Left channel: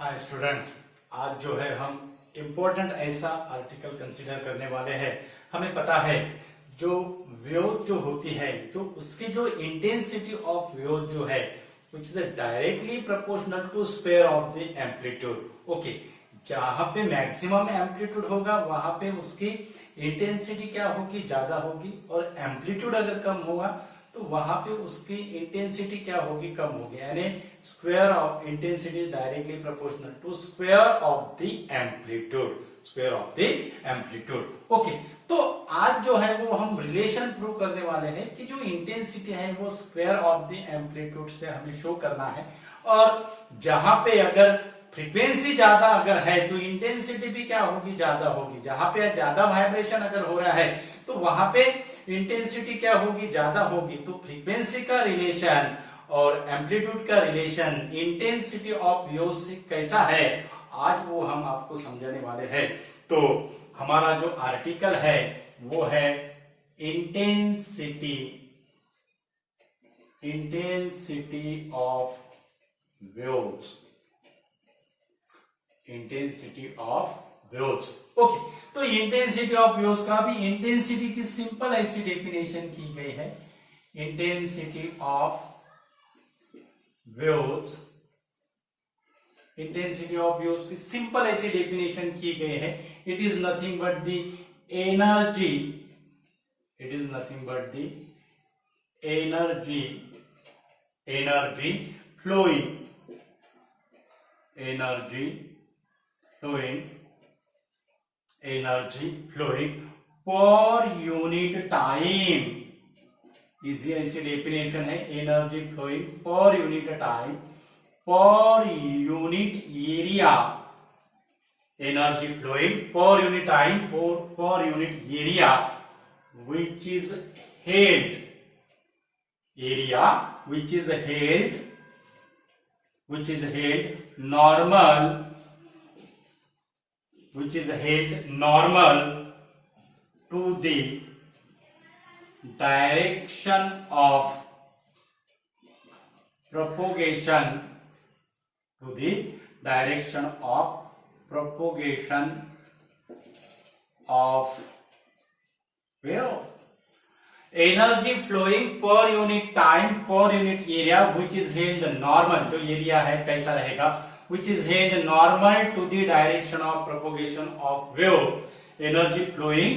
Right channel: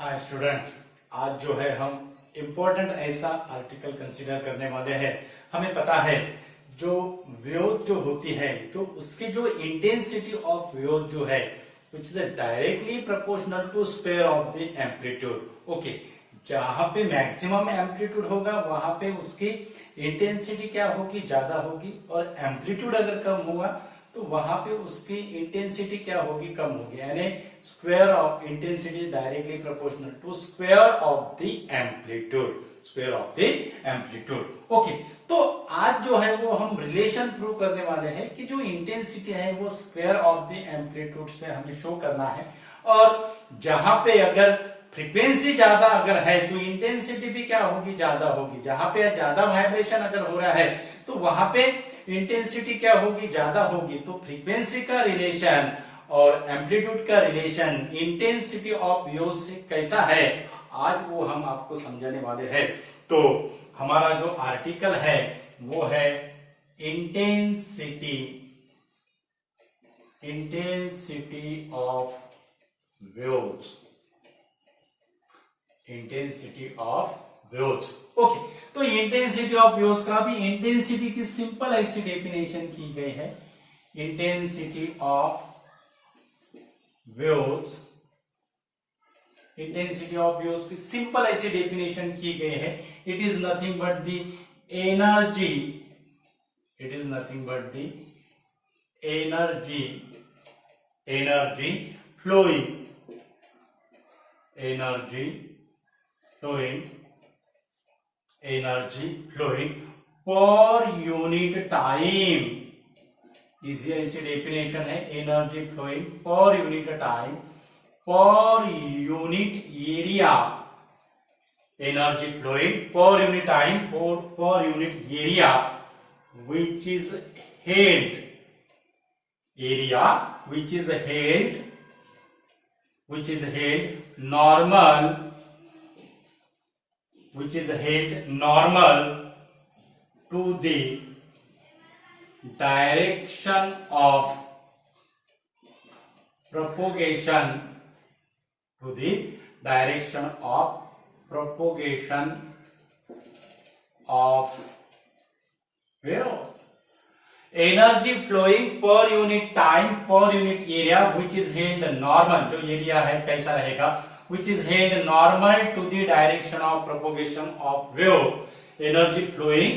हाँ स्टूडेंट, आज जो है हम इम्पोर्टेंट ऐसा आर्टिकल कंसीडर करने वाले हैं। हमें पता है जो वेव जो होती है, जो उसकी जो इंटेंसिटी ऑफ वेव जो है which is directly proportional to square of the amplitude. Okay, जहां पे मैक्सिमम एम्पलीट्यूड होगा वहां पे उसकी इंटेंसिटी क्या होगी, ज्यादा होगी, और एम्पलीट्यूड अगर कम होगा तो वहां पे उसकी इंटेंसिटी क्या होगी, कम होगी। यानी square of intensity directly proportional to square of the amplitude, square of the amplitude. Okay, तो आज जो है वो हम रिलेशन प्रूव करने वाले हैं कि जो इंटेंसिटी है वो स्क्वायर ऑफ द एम्पलीट्यूड से हमें शो करना है। और जहां पे अगर फ्रीक्वेंसी ज्यादा अगर है तो इंटेंसिटी भी क्या होगी, ज्यादा होगी। जहां पे ज्यादा वाइब्रेशन अगर हो रहा है तो वहां पे इंटेंसिटी क्या होगी, ज्यादा होगी। तो फ्रीक्वेंसी का रिलेशन और एम्पलीट्यूड का रिलेशन इंटेंसिटी ऑफ वेव से कैसा है, आज वो हम आपको समझाने वाले हैं। तो हमारा जो आर्टिकल है वो है intensity of waves, intensity of waves. Okay, तो इंटेंसिटी ऑफ वेव्स का भी इंटेंसिटी की सिंपल ऐसी डेफिनेशन की गई है। Intensity of waves, intensity of waves की सिंपल ऐसी डेफिनेशन की गई है। It is nothing but the energy, it is nothing but the energy flowing, energy flowing per unit time. Easy ऐसी डेफिनेशन है, energy flowing per unit time, per unit area, energy flowing per unit time, per unit area which is held, area which is held normal, which is held normal to the direction of propagation, to the direction of propagation of wave. Energy flowing per unit time, per unit area which is held normal, जो area है कैसा रहेगा, which is held normal to the direction of propagation of wave. Energy flowing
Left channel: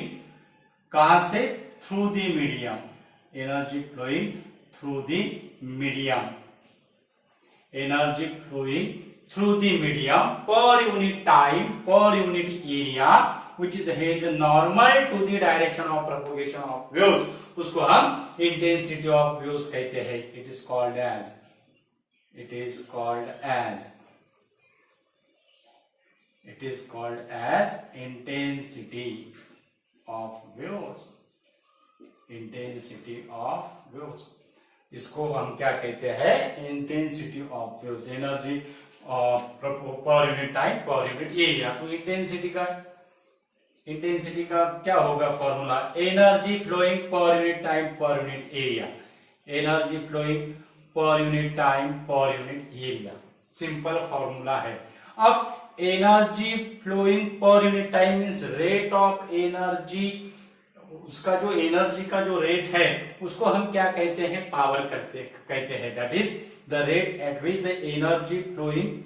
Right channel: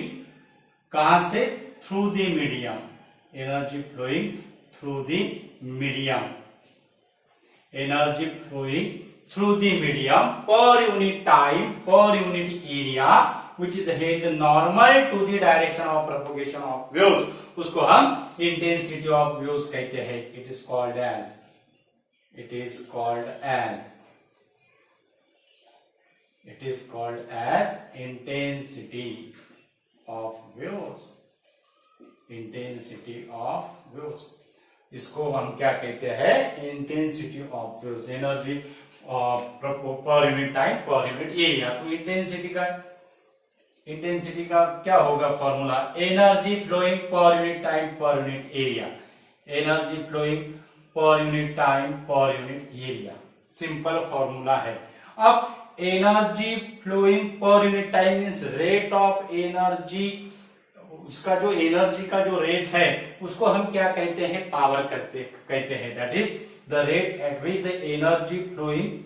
कहां से, through the medium, energy flowing through the medium, energy flowing through the medium per unit time, per unit area which is held normal to the direction of propagation of waves, उसको हम intensity of waves कहते हैं। it is called as intensity of waves, intensity of waves। इसको हम क्या कहते हैं, intensity of waves, energy per unit time, per unit area. तो इंटेंसिटी का क्या होगा formula, energy flowing per unit time, per unit area, energy flowing per unit time, per unit area. Simple formula है। अब energy flowing per unit time means rate of energy, उसका जो energy का जो रेट है उसको हम क्या कहते हैं, पावर कहते हैं। That is the rate at which the energy flowing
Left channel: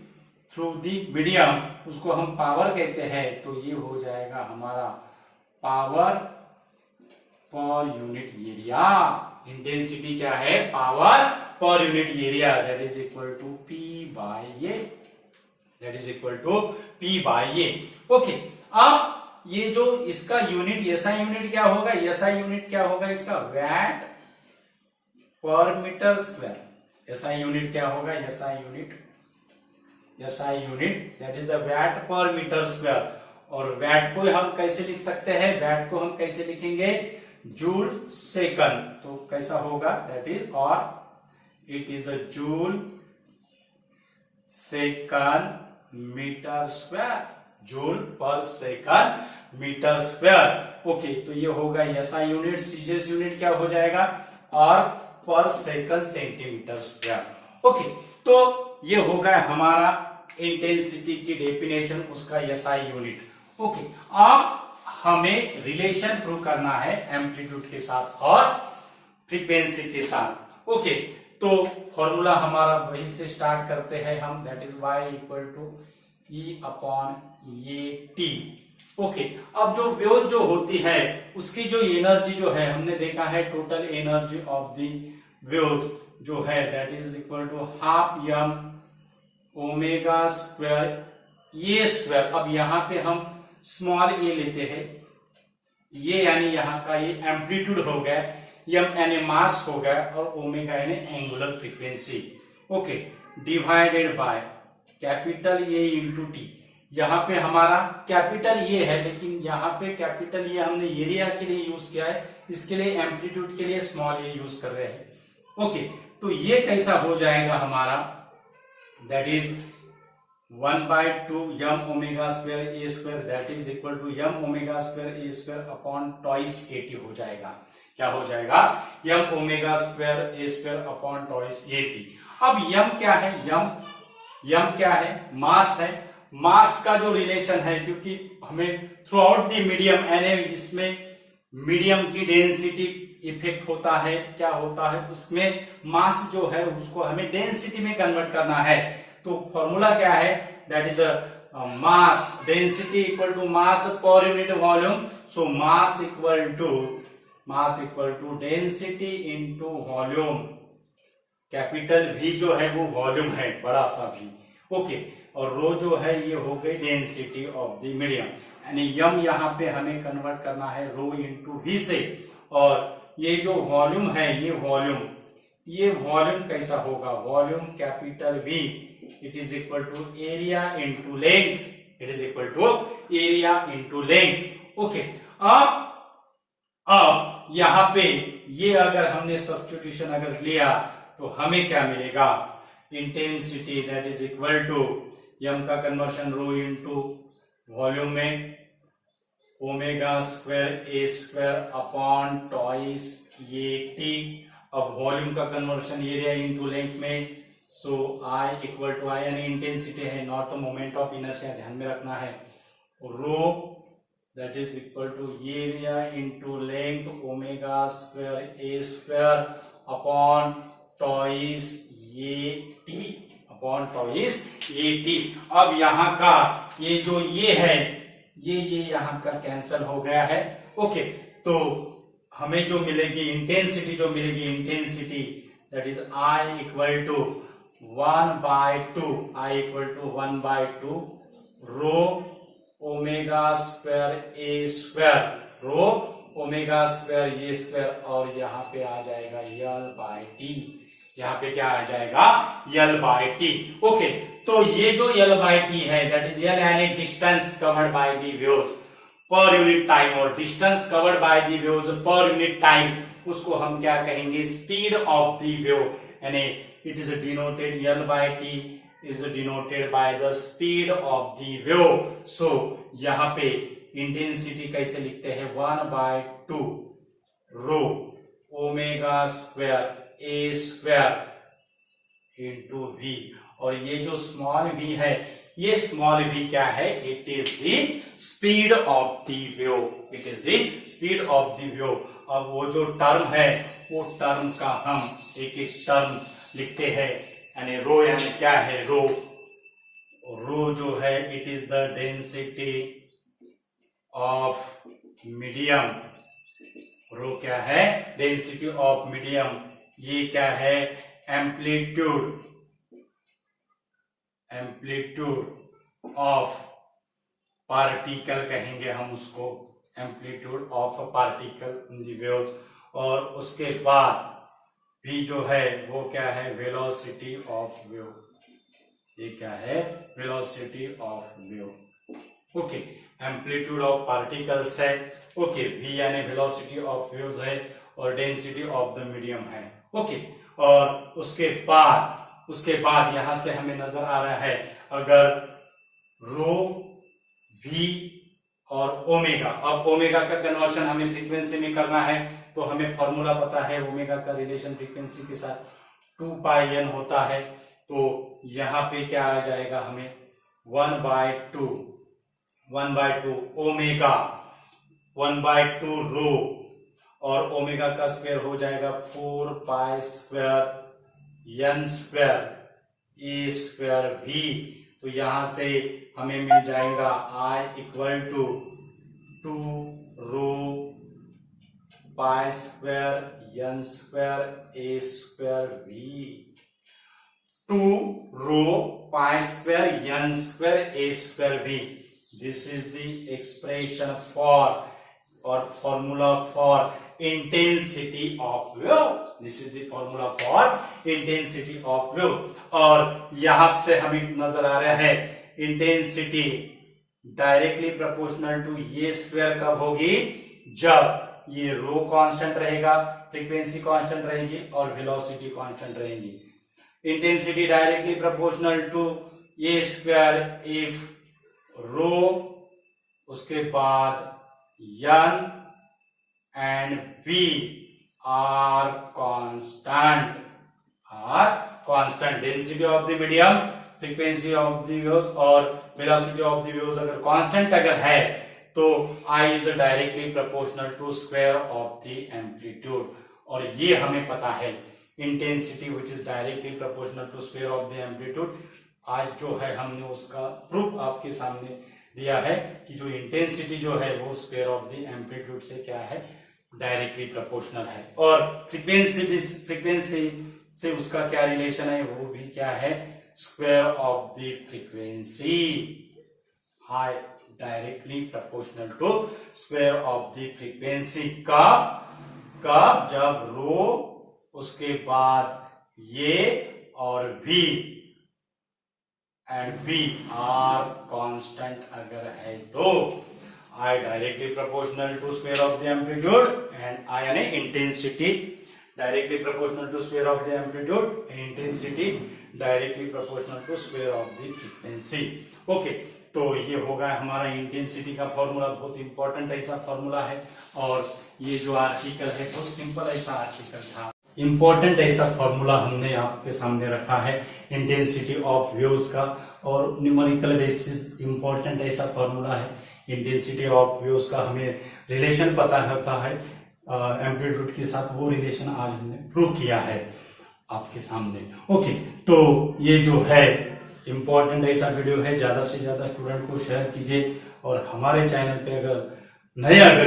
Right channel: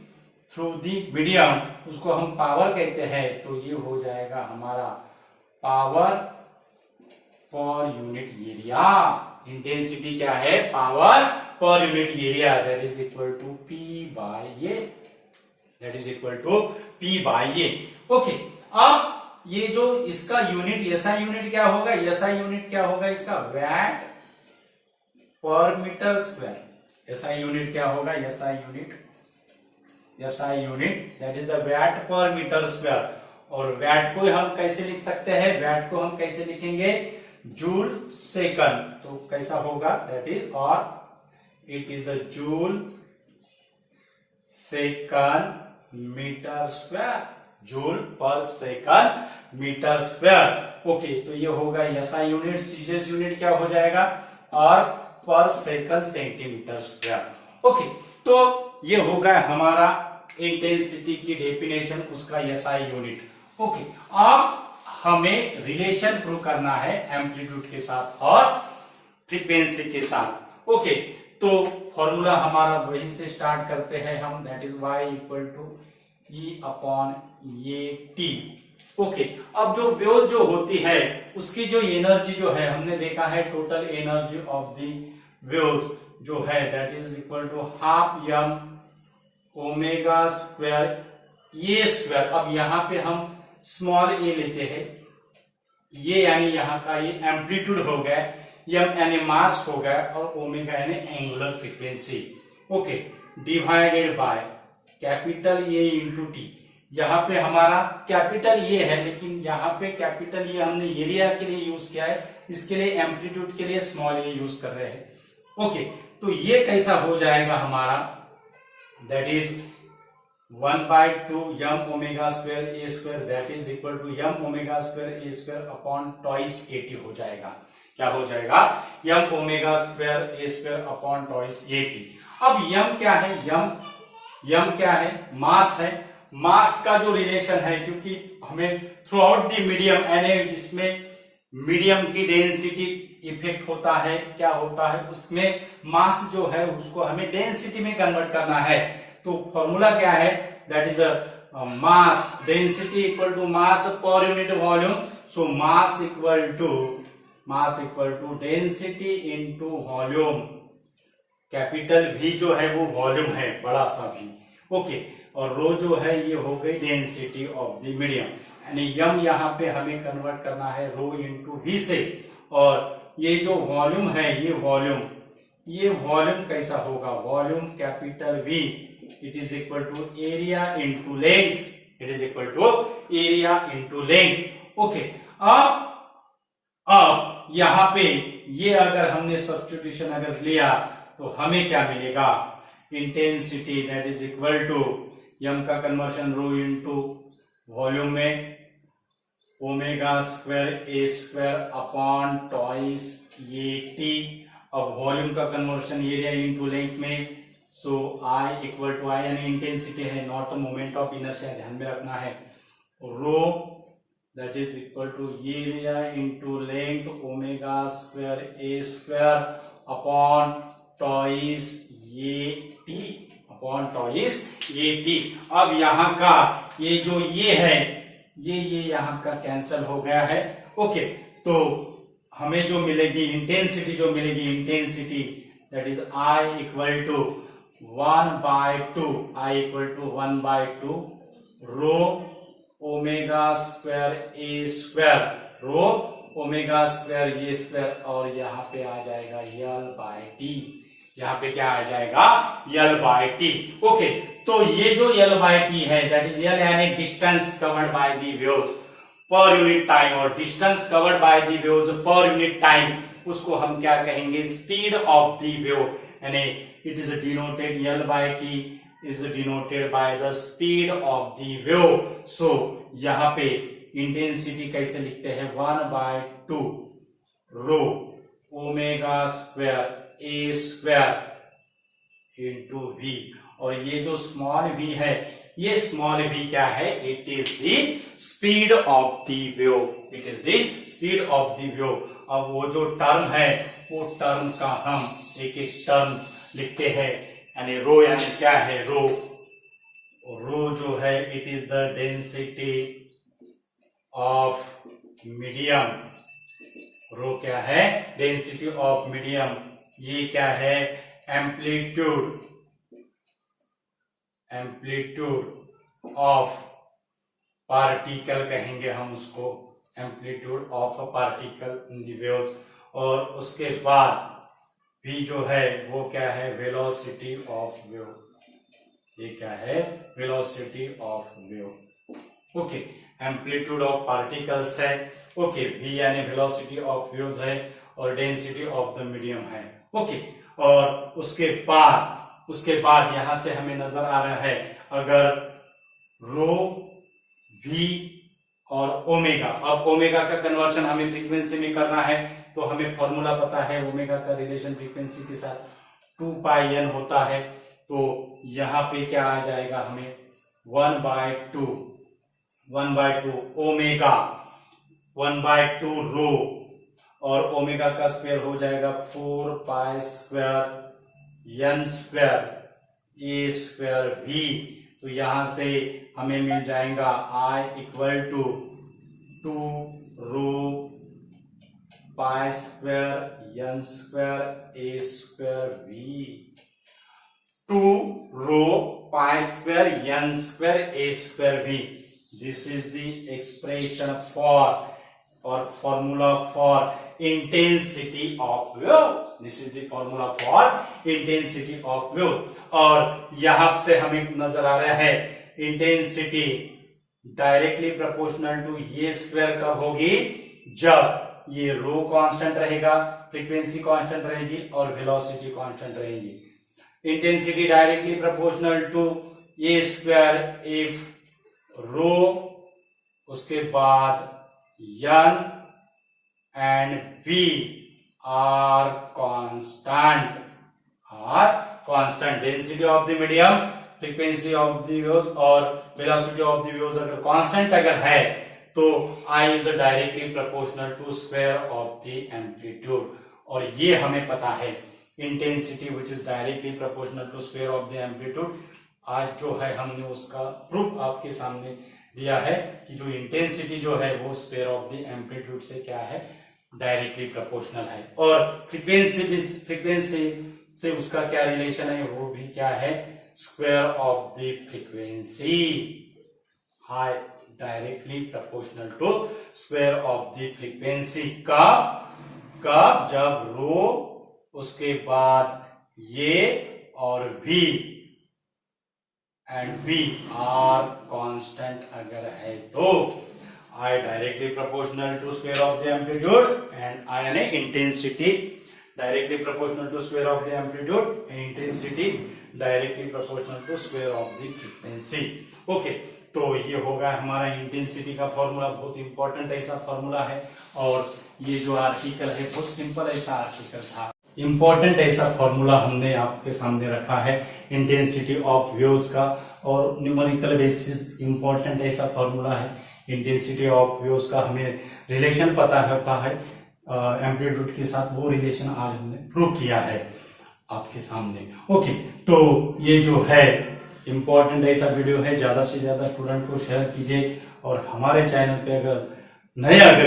through the medium, उसको हम पावर कहते हैं। तो ये हो जाएगा हमारा power per unit area. Intensity क्या है, power per unit area, that is equal to P by A, that is equal to P by A. Okay, अब ये जो इसका यूनिट, एसआई यूनिट क्या होगा, एसआई यूनिट क्या होगा इसका, VAT per metre square. SI unit क्या होगा, SI unit that is the watt per metre square. और वैट को हम कैसे लिख सकते हैं, वैट को हम कैसे लिखेंगे, जूल सेकंड। तो कैसा होगा, दैट इज, और it is a joule second metre square, joule per second metre square. Okay, तो ये होगा एसआई यूनिट, सीजीएस यूनिट क्या हो जाएगा, और पर सेकंड सेंटीमीटर स्क्वायर। ओके, तो ये होगा हमारा इंटेंसिटी की डेफिनेशन उसका SI यूनिट। ओके, अब हमें रिलेशन प्रूव करना है एम्पलीट्यूड के साथ और फ्रीक्वेंसी के साथ। ओके, तो फॉर्मूला हमारा वही से स्टार्ट करते हैं हम, that is y equal to E upon A T. Okay, अब जो वेव जो होती है उसकी जो एनर्जी जो है हमने देखा है, total energy of the waves जो है that is equal to half m omega square A square. अब यहाँ पे हम स्मॉल ए लेते हैं, ये यानी यहाँ का ये एम्पलीट्यूड हो गया, m यानी मास हो गया और ओमेगा यानी angular frequency. Okay, divided by capital A into T. यहाँ पे हमारा कैपिटल ये है, लेकिन यहाँ पे कैपिटल ये हमने एरिया के लिए यूज किया है, इसके लिए एम्पलीट्यूड के लिए स्मॉल ए यूज कर रहे हैं। ओके, तो ये कैसा हो जाएगा हमारा, that is 1/2 m omega square A square that is equal to m omega square A square upon twice A T हो जाएगा। क्या हो जाएगा, m ओमेगा स्क्वायर ए स्क्वायर अपॉन ट्वाइस एटी। अब m क्या है, m क्या है, मास है। मास का जो रिलेशन है, क्योंकि हमें थ्रू आउट द मीडियम यानी इसमें मीडियम की डेंसिटी इफेक्ट होता है, क्या होता है उसमें मास जो है उसको हमें डेंसिटी में कन्वर्ट करना है। तो फॉर्मूला क्या है, that is mass density equal to mass per unit volume. So mass equal to density into volume. Capital V जो है वो वॉल्यूम है, बड़ा सा V। ओके, और रो जो है ये हो गई डेंसिटी ऑफ द मीडियम, यानी m यहाँ पे हमें कन्वर्ट करना है रो इंटू V से। और ये जो वॉल्यूम है ये वॉल्यूम कैसा होगा, volume capital V it is equal to area into length, it is equal to area into length. Okay, अब यहाँ पे ये अगर हमने सब्स्टिट्यूशन अगर लिया तो हमें क्या मिलेगा, intensity that is equal to m का कन्वर्शन रो इंटू वॉल्यूम में ओमेगा स्क्वायर ए स्क्वायर अपॉन ट्वाइस ये टी। अब वॉल्यूम का कन्वर्शन एरिया इंटू लेंथ में, so I equal to I यानी इंटेंसिटी है, नॉट मोमेंट ऑफ इनर्शिया, ध्यान में रखना है। Rho that is equal to area into length omega square A square upon twice ये टी अपॉन ट्वाइस ये T. अब यहाँ का ये जो ये है ये यहाँ का कैंसल हो गया है। ओके, तो हमें जो मिलेगी intensity that is I equal to 1/2 rho omega square A square, rho omega square A square, और यहाँ पे आ जाएगा L/T। यहाँ पे क्या आ जाएगा, L/T। ओके, तो ये जो L/T है दैट इज L यानी distance covered by the waves per unit time, और distance covered by the waves per unit time उसको हम क्या कहेंगे, स्पीड ऑफ द वेव, यानी it is denoted L/T is denoted by the speed of the wave। so यहाँ पे intensity कैसे लिखते हैं, 1/2 रो ओमेगा स्क्वायर ए स्क्वायर इंटू V। और ये जो स्मॉल v है, ये स्मॉल v क्या है, it is the speed of the wave, it is the speed of the wave. अब वो जो टर्म है वो टर्म का हम एक एक टर्म लिखते हैं, यानी रो यानी क्या है, रो जो है it is the density of medium. Rho क्या है, डेंसिटी ऑफ मीडियम। ये क्या है, एम्पलीट्यूड ऑफ पार्टिकल कहेंगे हम उसको, amplitude of a particle in the wave. और उसके बाद V जो है वो क्या है, वेलोसिटी ऑफ वेव। ये क्या है, velocity of wave. Okay, amplitude of particles है। ओके, V यानी वेलोसिटी ऑफ वेव्स है और डेंसिटी ऑफ द मीडियम है। ओके, और उसके बाद यहां से हमें नजर आ रहा है, अगर रो V और ओमेगा, अब ओमेगा का कन्वर्शन हमें फ्रीक्वेंसी में करना है, तो हमें फॉर्मूला पता है ओमेगा का रिलेशन फ्रीक्वेंसी के साथ 2πn होता है। तो यहाँ पे क्या आ जाएगा हमें 1/2 ओमेगा 1/2 रो, और ओमेगा का स्क्वायर हो जाएगा 4 पाई स्क्वायर n स्क्वायर ए स्क्वायर v। तो यहां से हमें मिल जाएगा I equal to 2 rho pi square n square A square v। 2 rho pi square n square A square v। This is the expression for और formula for intensity of wave. This is the formula for intensity of wave. और यहां से हमें नजर आ रहा है intensity directly proportional to ये स्क्वायर कब होगी, जब ये रो कांस्टेंट रहेगा, फ्रीक्वेंसी कांस्टेंट रहेगी और वेलोसिटी कांस्टेंट रहेगी। Intensity directly proportional to a square if rho, उसके बाद n and v are constant, density of the medium, frequency of the waves और velocity of the waves अगर constant अगर है तो I is directly proportional to square of the amplitude। और ये हमें पता है intensity which is directly proportional to square of the amplitude। आज जो है हमने उसका प्रूफ आपके सामने दिया है कि जो इंटेंसिटी जो है वो स्क्वायर ऑफ द एम्पलीट्यूड से क्या है, डायरेक्टली प्रोपोर्शनल है। और फ्रीक्वेंसी से उसका क्या रिलेशन है, वो भी क्या है, square of the frequency. I directly proportional to square of the frequency. कब जब रो, उसके बाद ये और v and v are constant अगर है तो I directly proportional to square of the amplitude and I यानी intensity directly proportional to square of the amplitude and intensity directly proportional to square of the frequency। Okay, तो ये होगा हमारा intensity का formula. बहुत इंपॉर्टेंट ऐसा formula है और ये जो आर्टिकल है बहुत सिंपल ऐसा आर्टिकल था। इंपॉर्टेंट ऐसा फॉर्मूला हमने आपके सामने रखा है इंटेंसिटी ऑफ वेव्स का, और न्यूमेरिकल बेसिस इंपॉर्टेंट ऐसा फॉर्मूला है इंटेंसिटी ऑफ वेव्स का। हमें रिलेशन पता होता है एम्पलीट्यूड के साथ, वो रिलेशन आज हमने प्रूव किया है आपके सामने। ओके, तो ये जो है इंपॉर्टेंट ऐसा वीडियो है, ज्यादा से ज्यादा स्टूडेंट को शेयर कीजिए। और हमारे चैनल पे अगर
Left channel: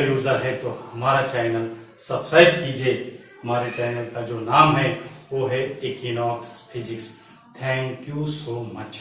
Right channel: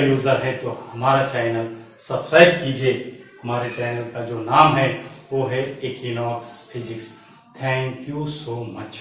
यूजर है तो हमारा चैनल सब्सक्राइब कीजिए। हमारे चैनल का जो नाम है वो है equinox physics. Thank you so much.